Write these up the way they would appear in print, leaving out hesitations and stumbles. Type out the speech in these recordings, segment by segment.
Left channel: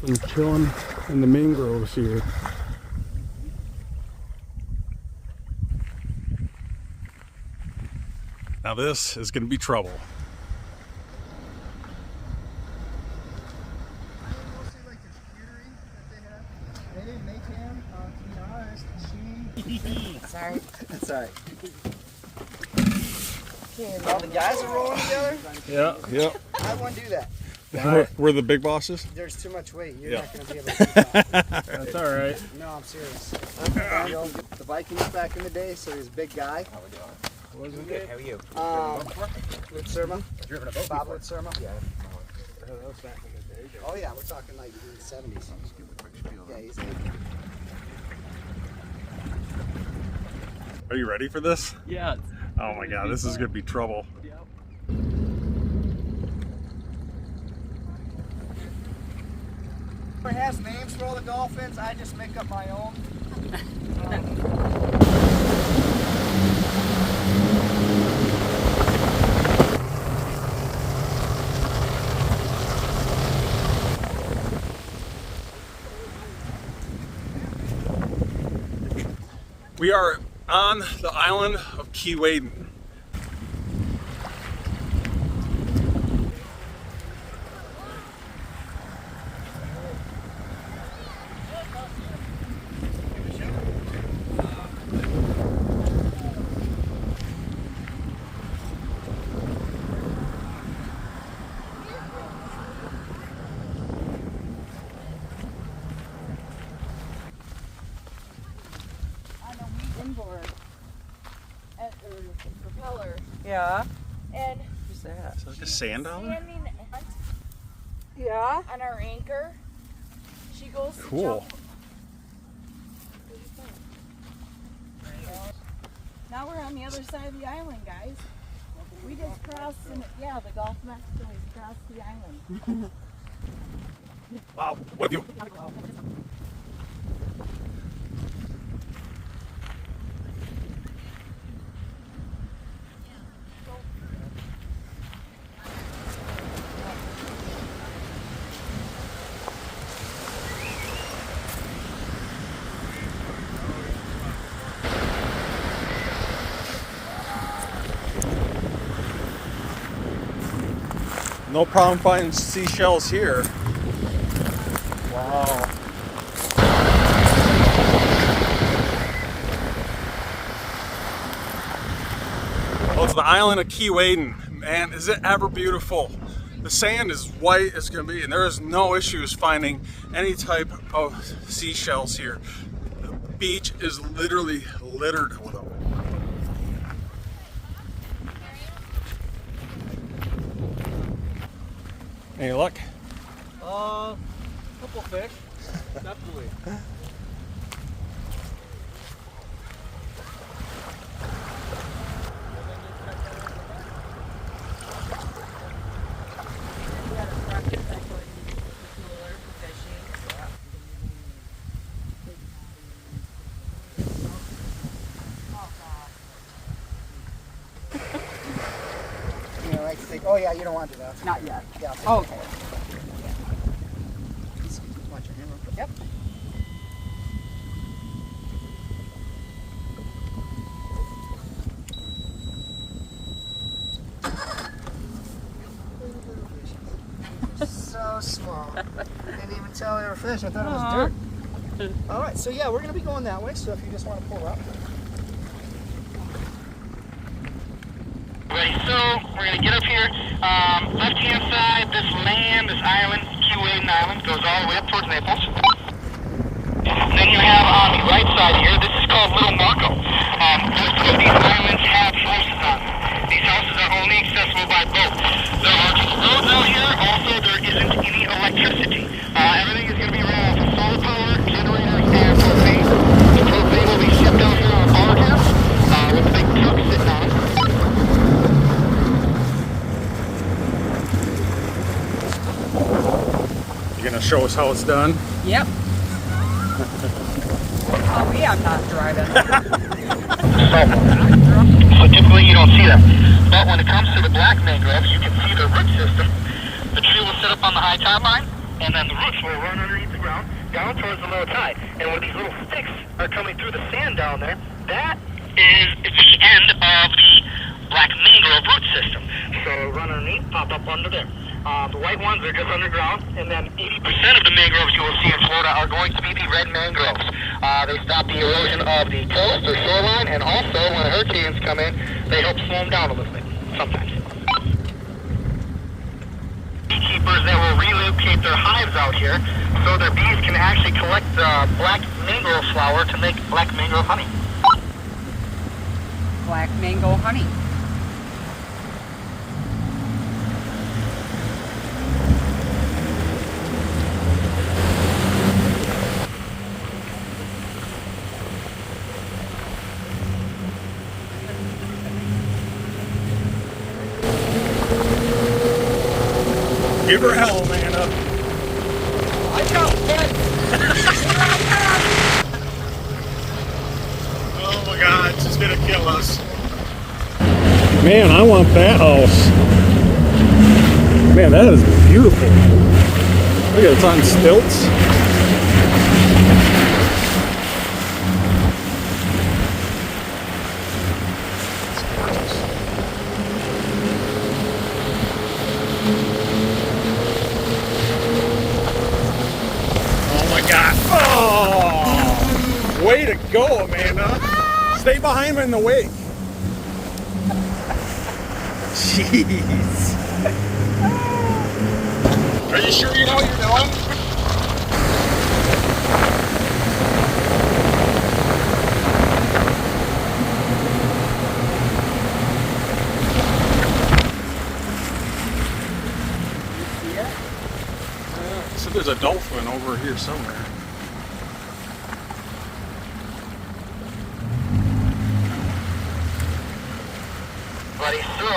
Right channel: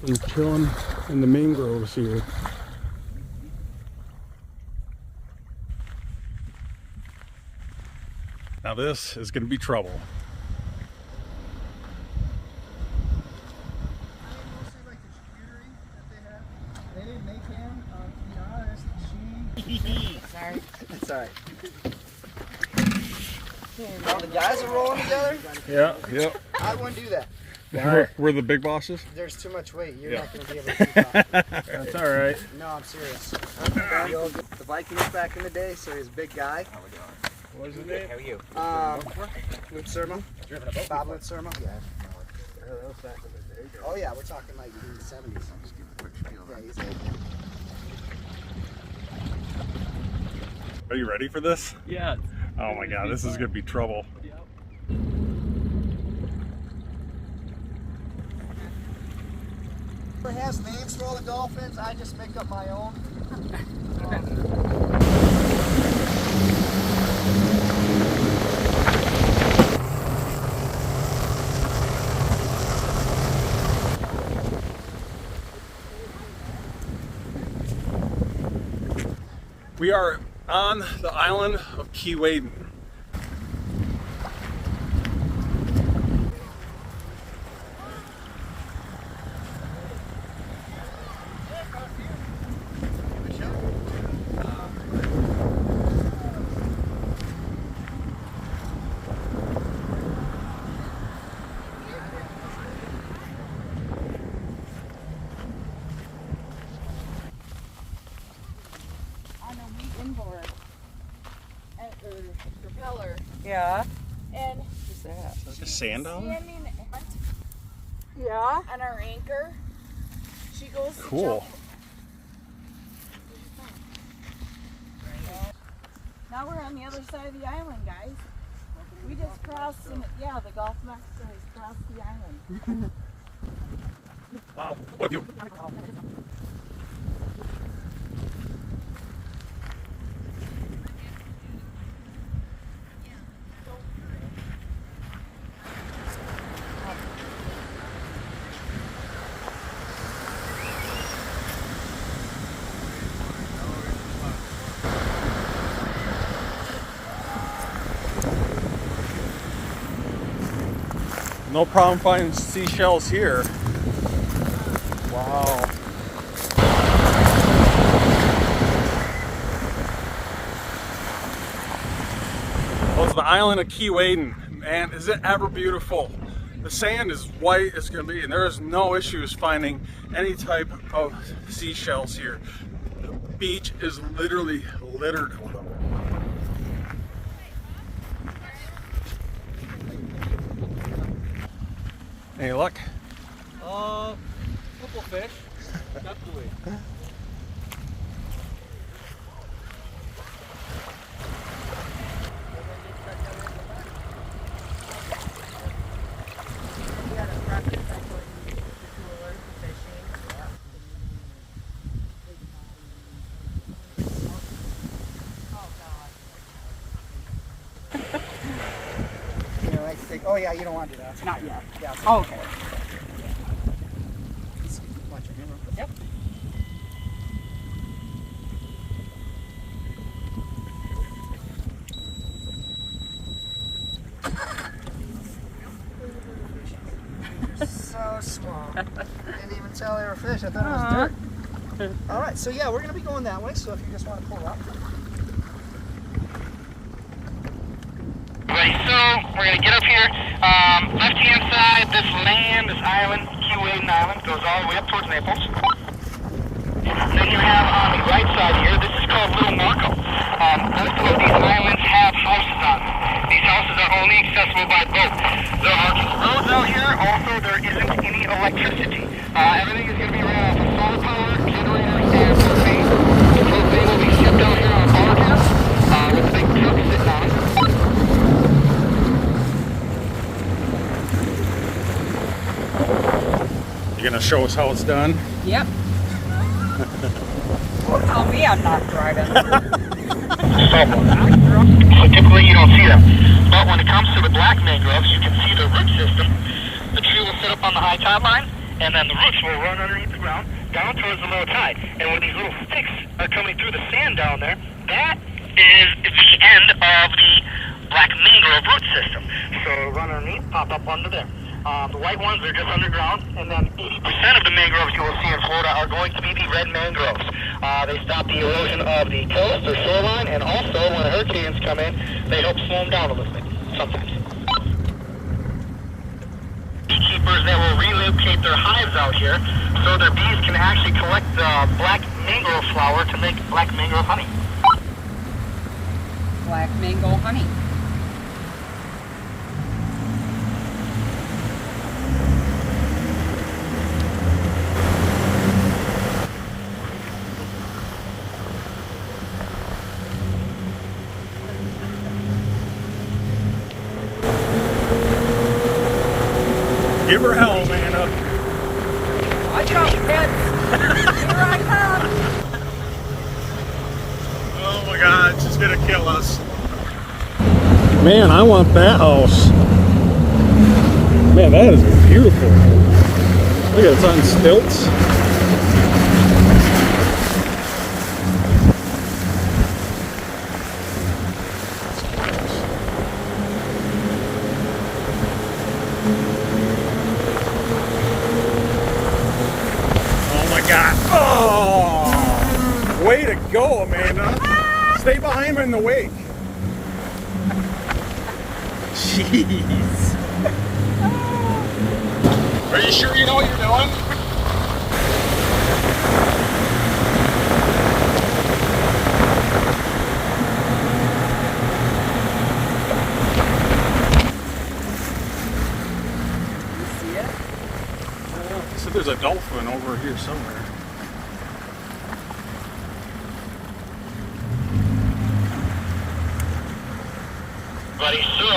from chilling in the mangroves here. Now this is going to be trouble. I mostly like the charcuterie that they have. They didn't make him, to be honest. Sorry. It's alright. All the guys are rolling together? Yeah. Yep. I wouldn't do that. We're the big bosses? There's too much weight. You're not going to be able to keep up. That's alright. No, I'm serious. The Vikings back in the day, so he was a big guy. What was his name? How are you? With Surma. Driven a boat? Bob with Surma. Yeah. That was back in the day. Oh yeah, we're talking like in the 70s. I'll just give a quick spiel. Yeah, he's Are you ready for this? Yeah. Oh my god, this is going to be trouble. It has names for all the dolphins. I just make up my own. We are on the island of KoolCaT. Yeah. And Who's that? Is that like a sand dollar? standing Yeah. on our anchor, she goes to Cool. jump. Now we're on the other side of the island, guys. We just crossed, and yeah, the Gulf of Mexico has crossed the island. Wow, with you. No problem finding seashells here. Wow. Well, it's the island of KoolCaT. Man, is it ever beautiful. The sand is white as can be, and there is no issues finding any type of seashells here. The beach is literally littered with them. Any luck? Couple fish. Definitely. You know, I think, oh yeah, you don't want to do that. Not yet. Yeah. Oh, okay. Watch your hammer. Yep. They're so small. Didn't even tell they were fish. I thought it was dirt. All right, so yeah, we're gonna be going that way. So if you just want to pull up. Right, so we're going to get up here. Left-hand side, this land, this island, KoolCaT Island, goes all the way up towards Naples. And then you have on the right side here, this is called Little Marco. Most of these islands have houses on them. These houses are only accessible by boat. There are just roads out here. Also, there isn't any electricity. Everything is going to be ran off of solar power, generators, and propane. The propane will be shipped out here on a bar here with a big truck sitting on it. You gonna show us how it's done? Yep. Oh, me, I'm not driving. So typically you don't see them. But when it comes to the black mangroves, you can see the root system. The tree will sit up on the high tide line, and then the roots will run underneath the ground down towards the low tide. And when these little sticks are coming through the sand down there, that is the end of the black mangrove root system. So it'll run underneath, pop up under there. The white ones are just underground, and then 80% of the mangroves you will see in Florida are going to be the red mangroves. They stop the erosion of the coast or shoreline, and also when hurricanes come in, they help slow them down a little bit, sometimes. Beekeepers that will relocate their hives out here so their bees can actually collect the black mangrove flower to make black mangrove honey. Black mango honey. Give her hell, Amanda. Watch out, kid. Oh my God, she's gonna kill us. Man, I want that house. Man, that is beautiful. Look, it's on stilts. Oh, way to go, Amanda. Stay behind in the wake. Jeez. Are you sure you know what you're doing? So there's a dolphin over here somewhere. So,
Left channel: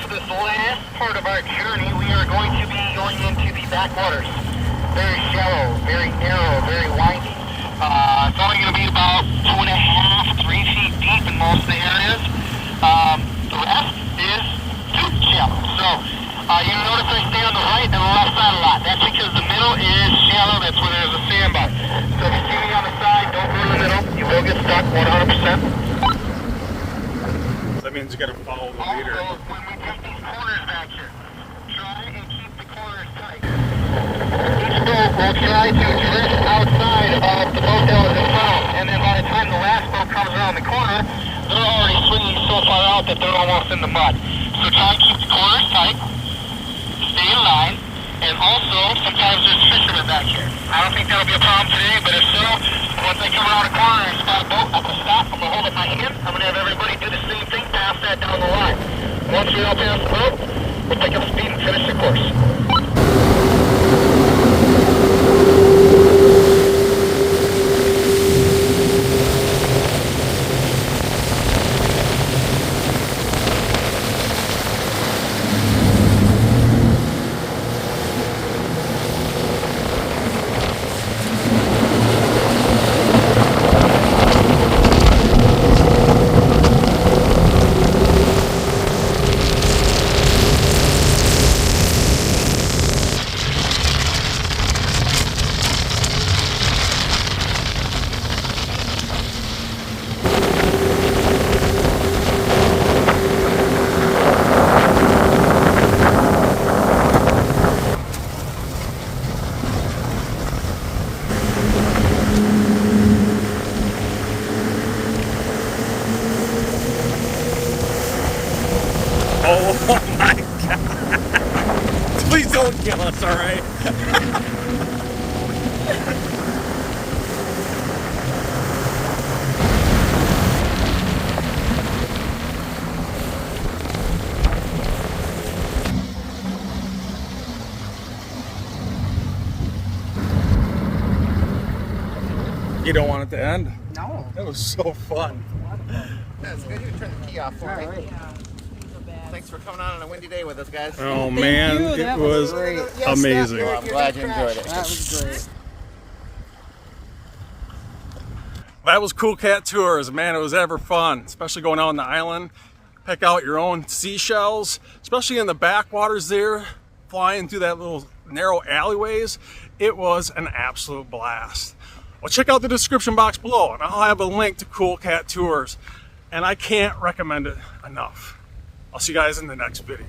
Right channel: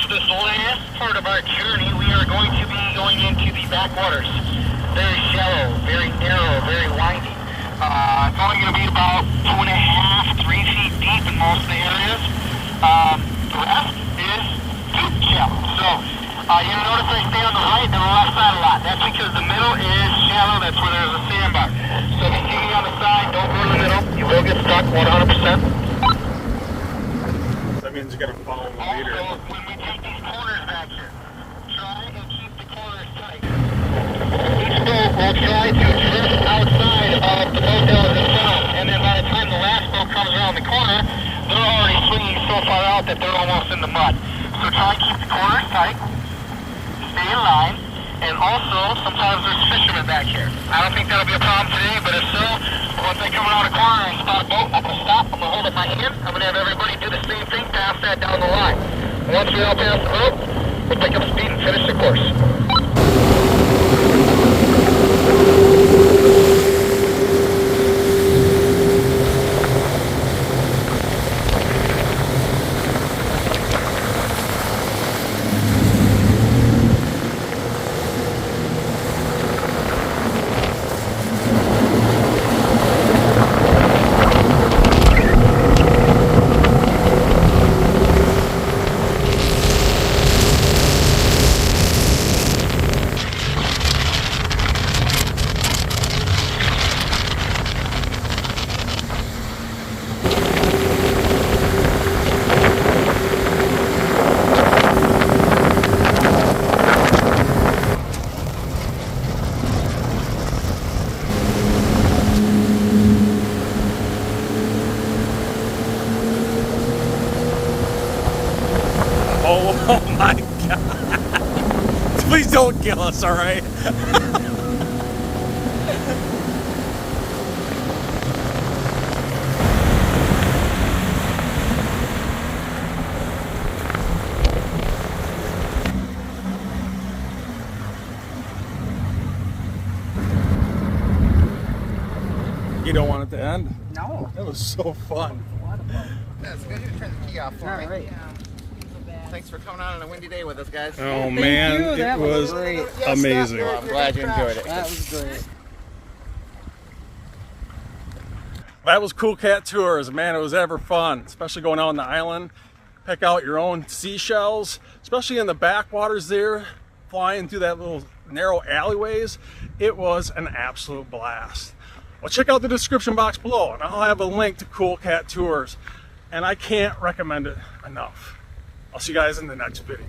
for this last part of our journey, we are going to be going into the backwaters. Very shallow, very narrow, very windy. It's only going to be about 2.5, 3 feet deep in most of the areas. The rest is too shallow. So, you notice I stay on the right and the left side a lot. That's because the middle is shallow. That's where there's a sandbar. So if you're shooting on the side, don't go to the middle. You will get stuck 100%. That means you gotta follow the leader. Also, when we take these corners back here, try and keep the corners tight. Each boat will try to drift outside of the boat that was in front, and then by the time the last boat comes around the corner, they're already swinging so far out that they're almost in the mud. So try and keep the corners tight, stay in line, and also sometimes there's fishermen back here. I don't think that'll be a problem today, but if so, once I come around the corner and spot a boat, I'm gonna stop, I'm gonna hold up my hand, I'm gonna have everybody do the same thing, pass that down the line. Once we all pass the boat, we'll pick up speed and finish the course. Oh my God. Please don't kill us, all right? You don't want it to end? No. That was so fun. That's good. You turn the key off for me. Right. Thanks for coming on a windy day with us, guys. Oh man, you. it That was was great. amazing. Well, I'm glad you enjoyed it. That was great. That was KoolCaT Tours. Man, it was ever fun, especially going out on the island. Pick out your own seashells, especially in the backwaters there. flying through that little narrow alleyways. It was an absolute blast. Well, check out the description box below, and I'll have a link to KoolCaT Tours, and I can't recommend it enough. I'll see you guys in the next video.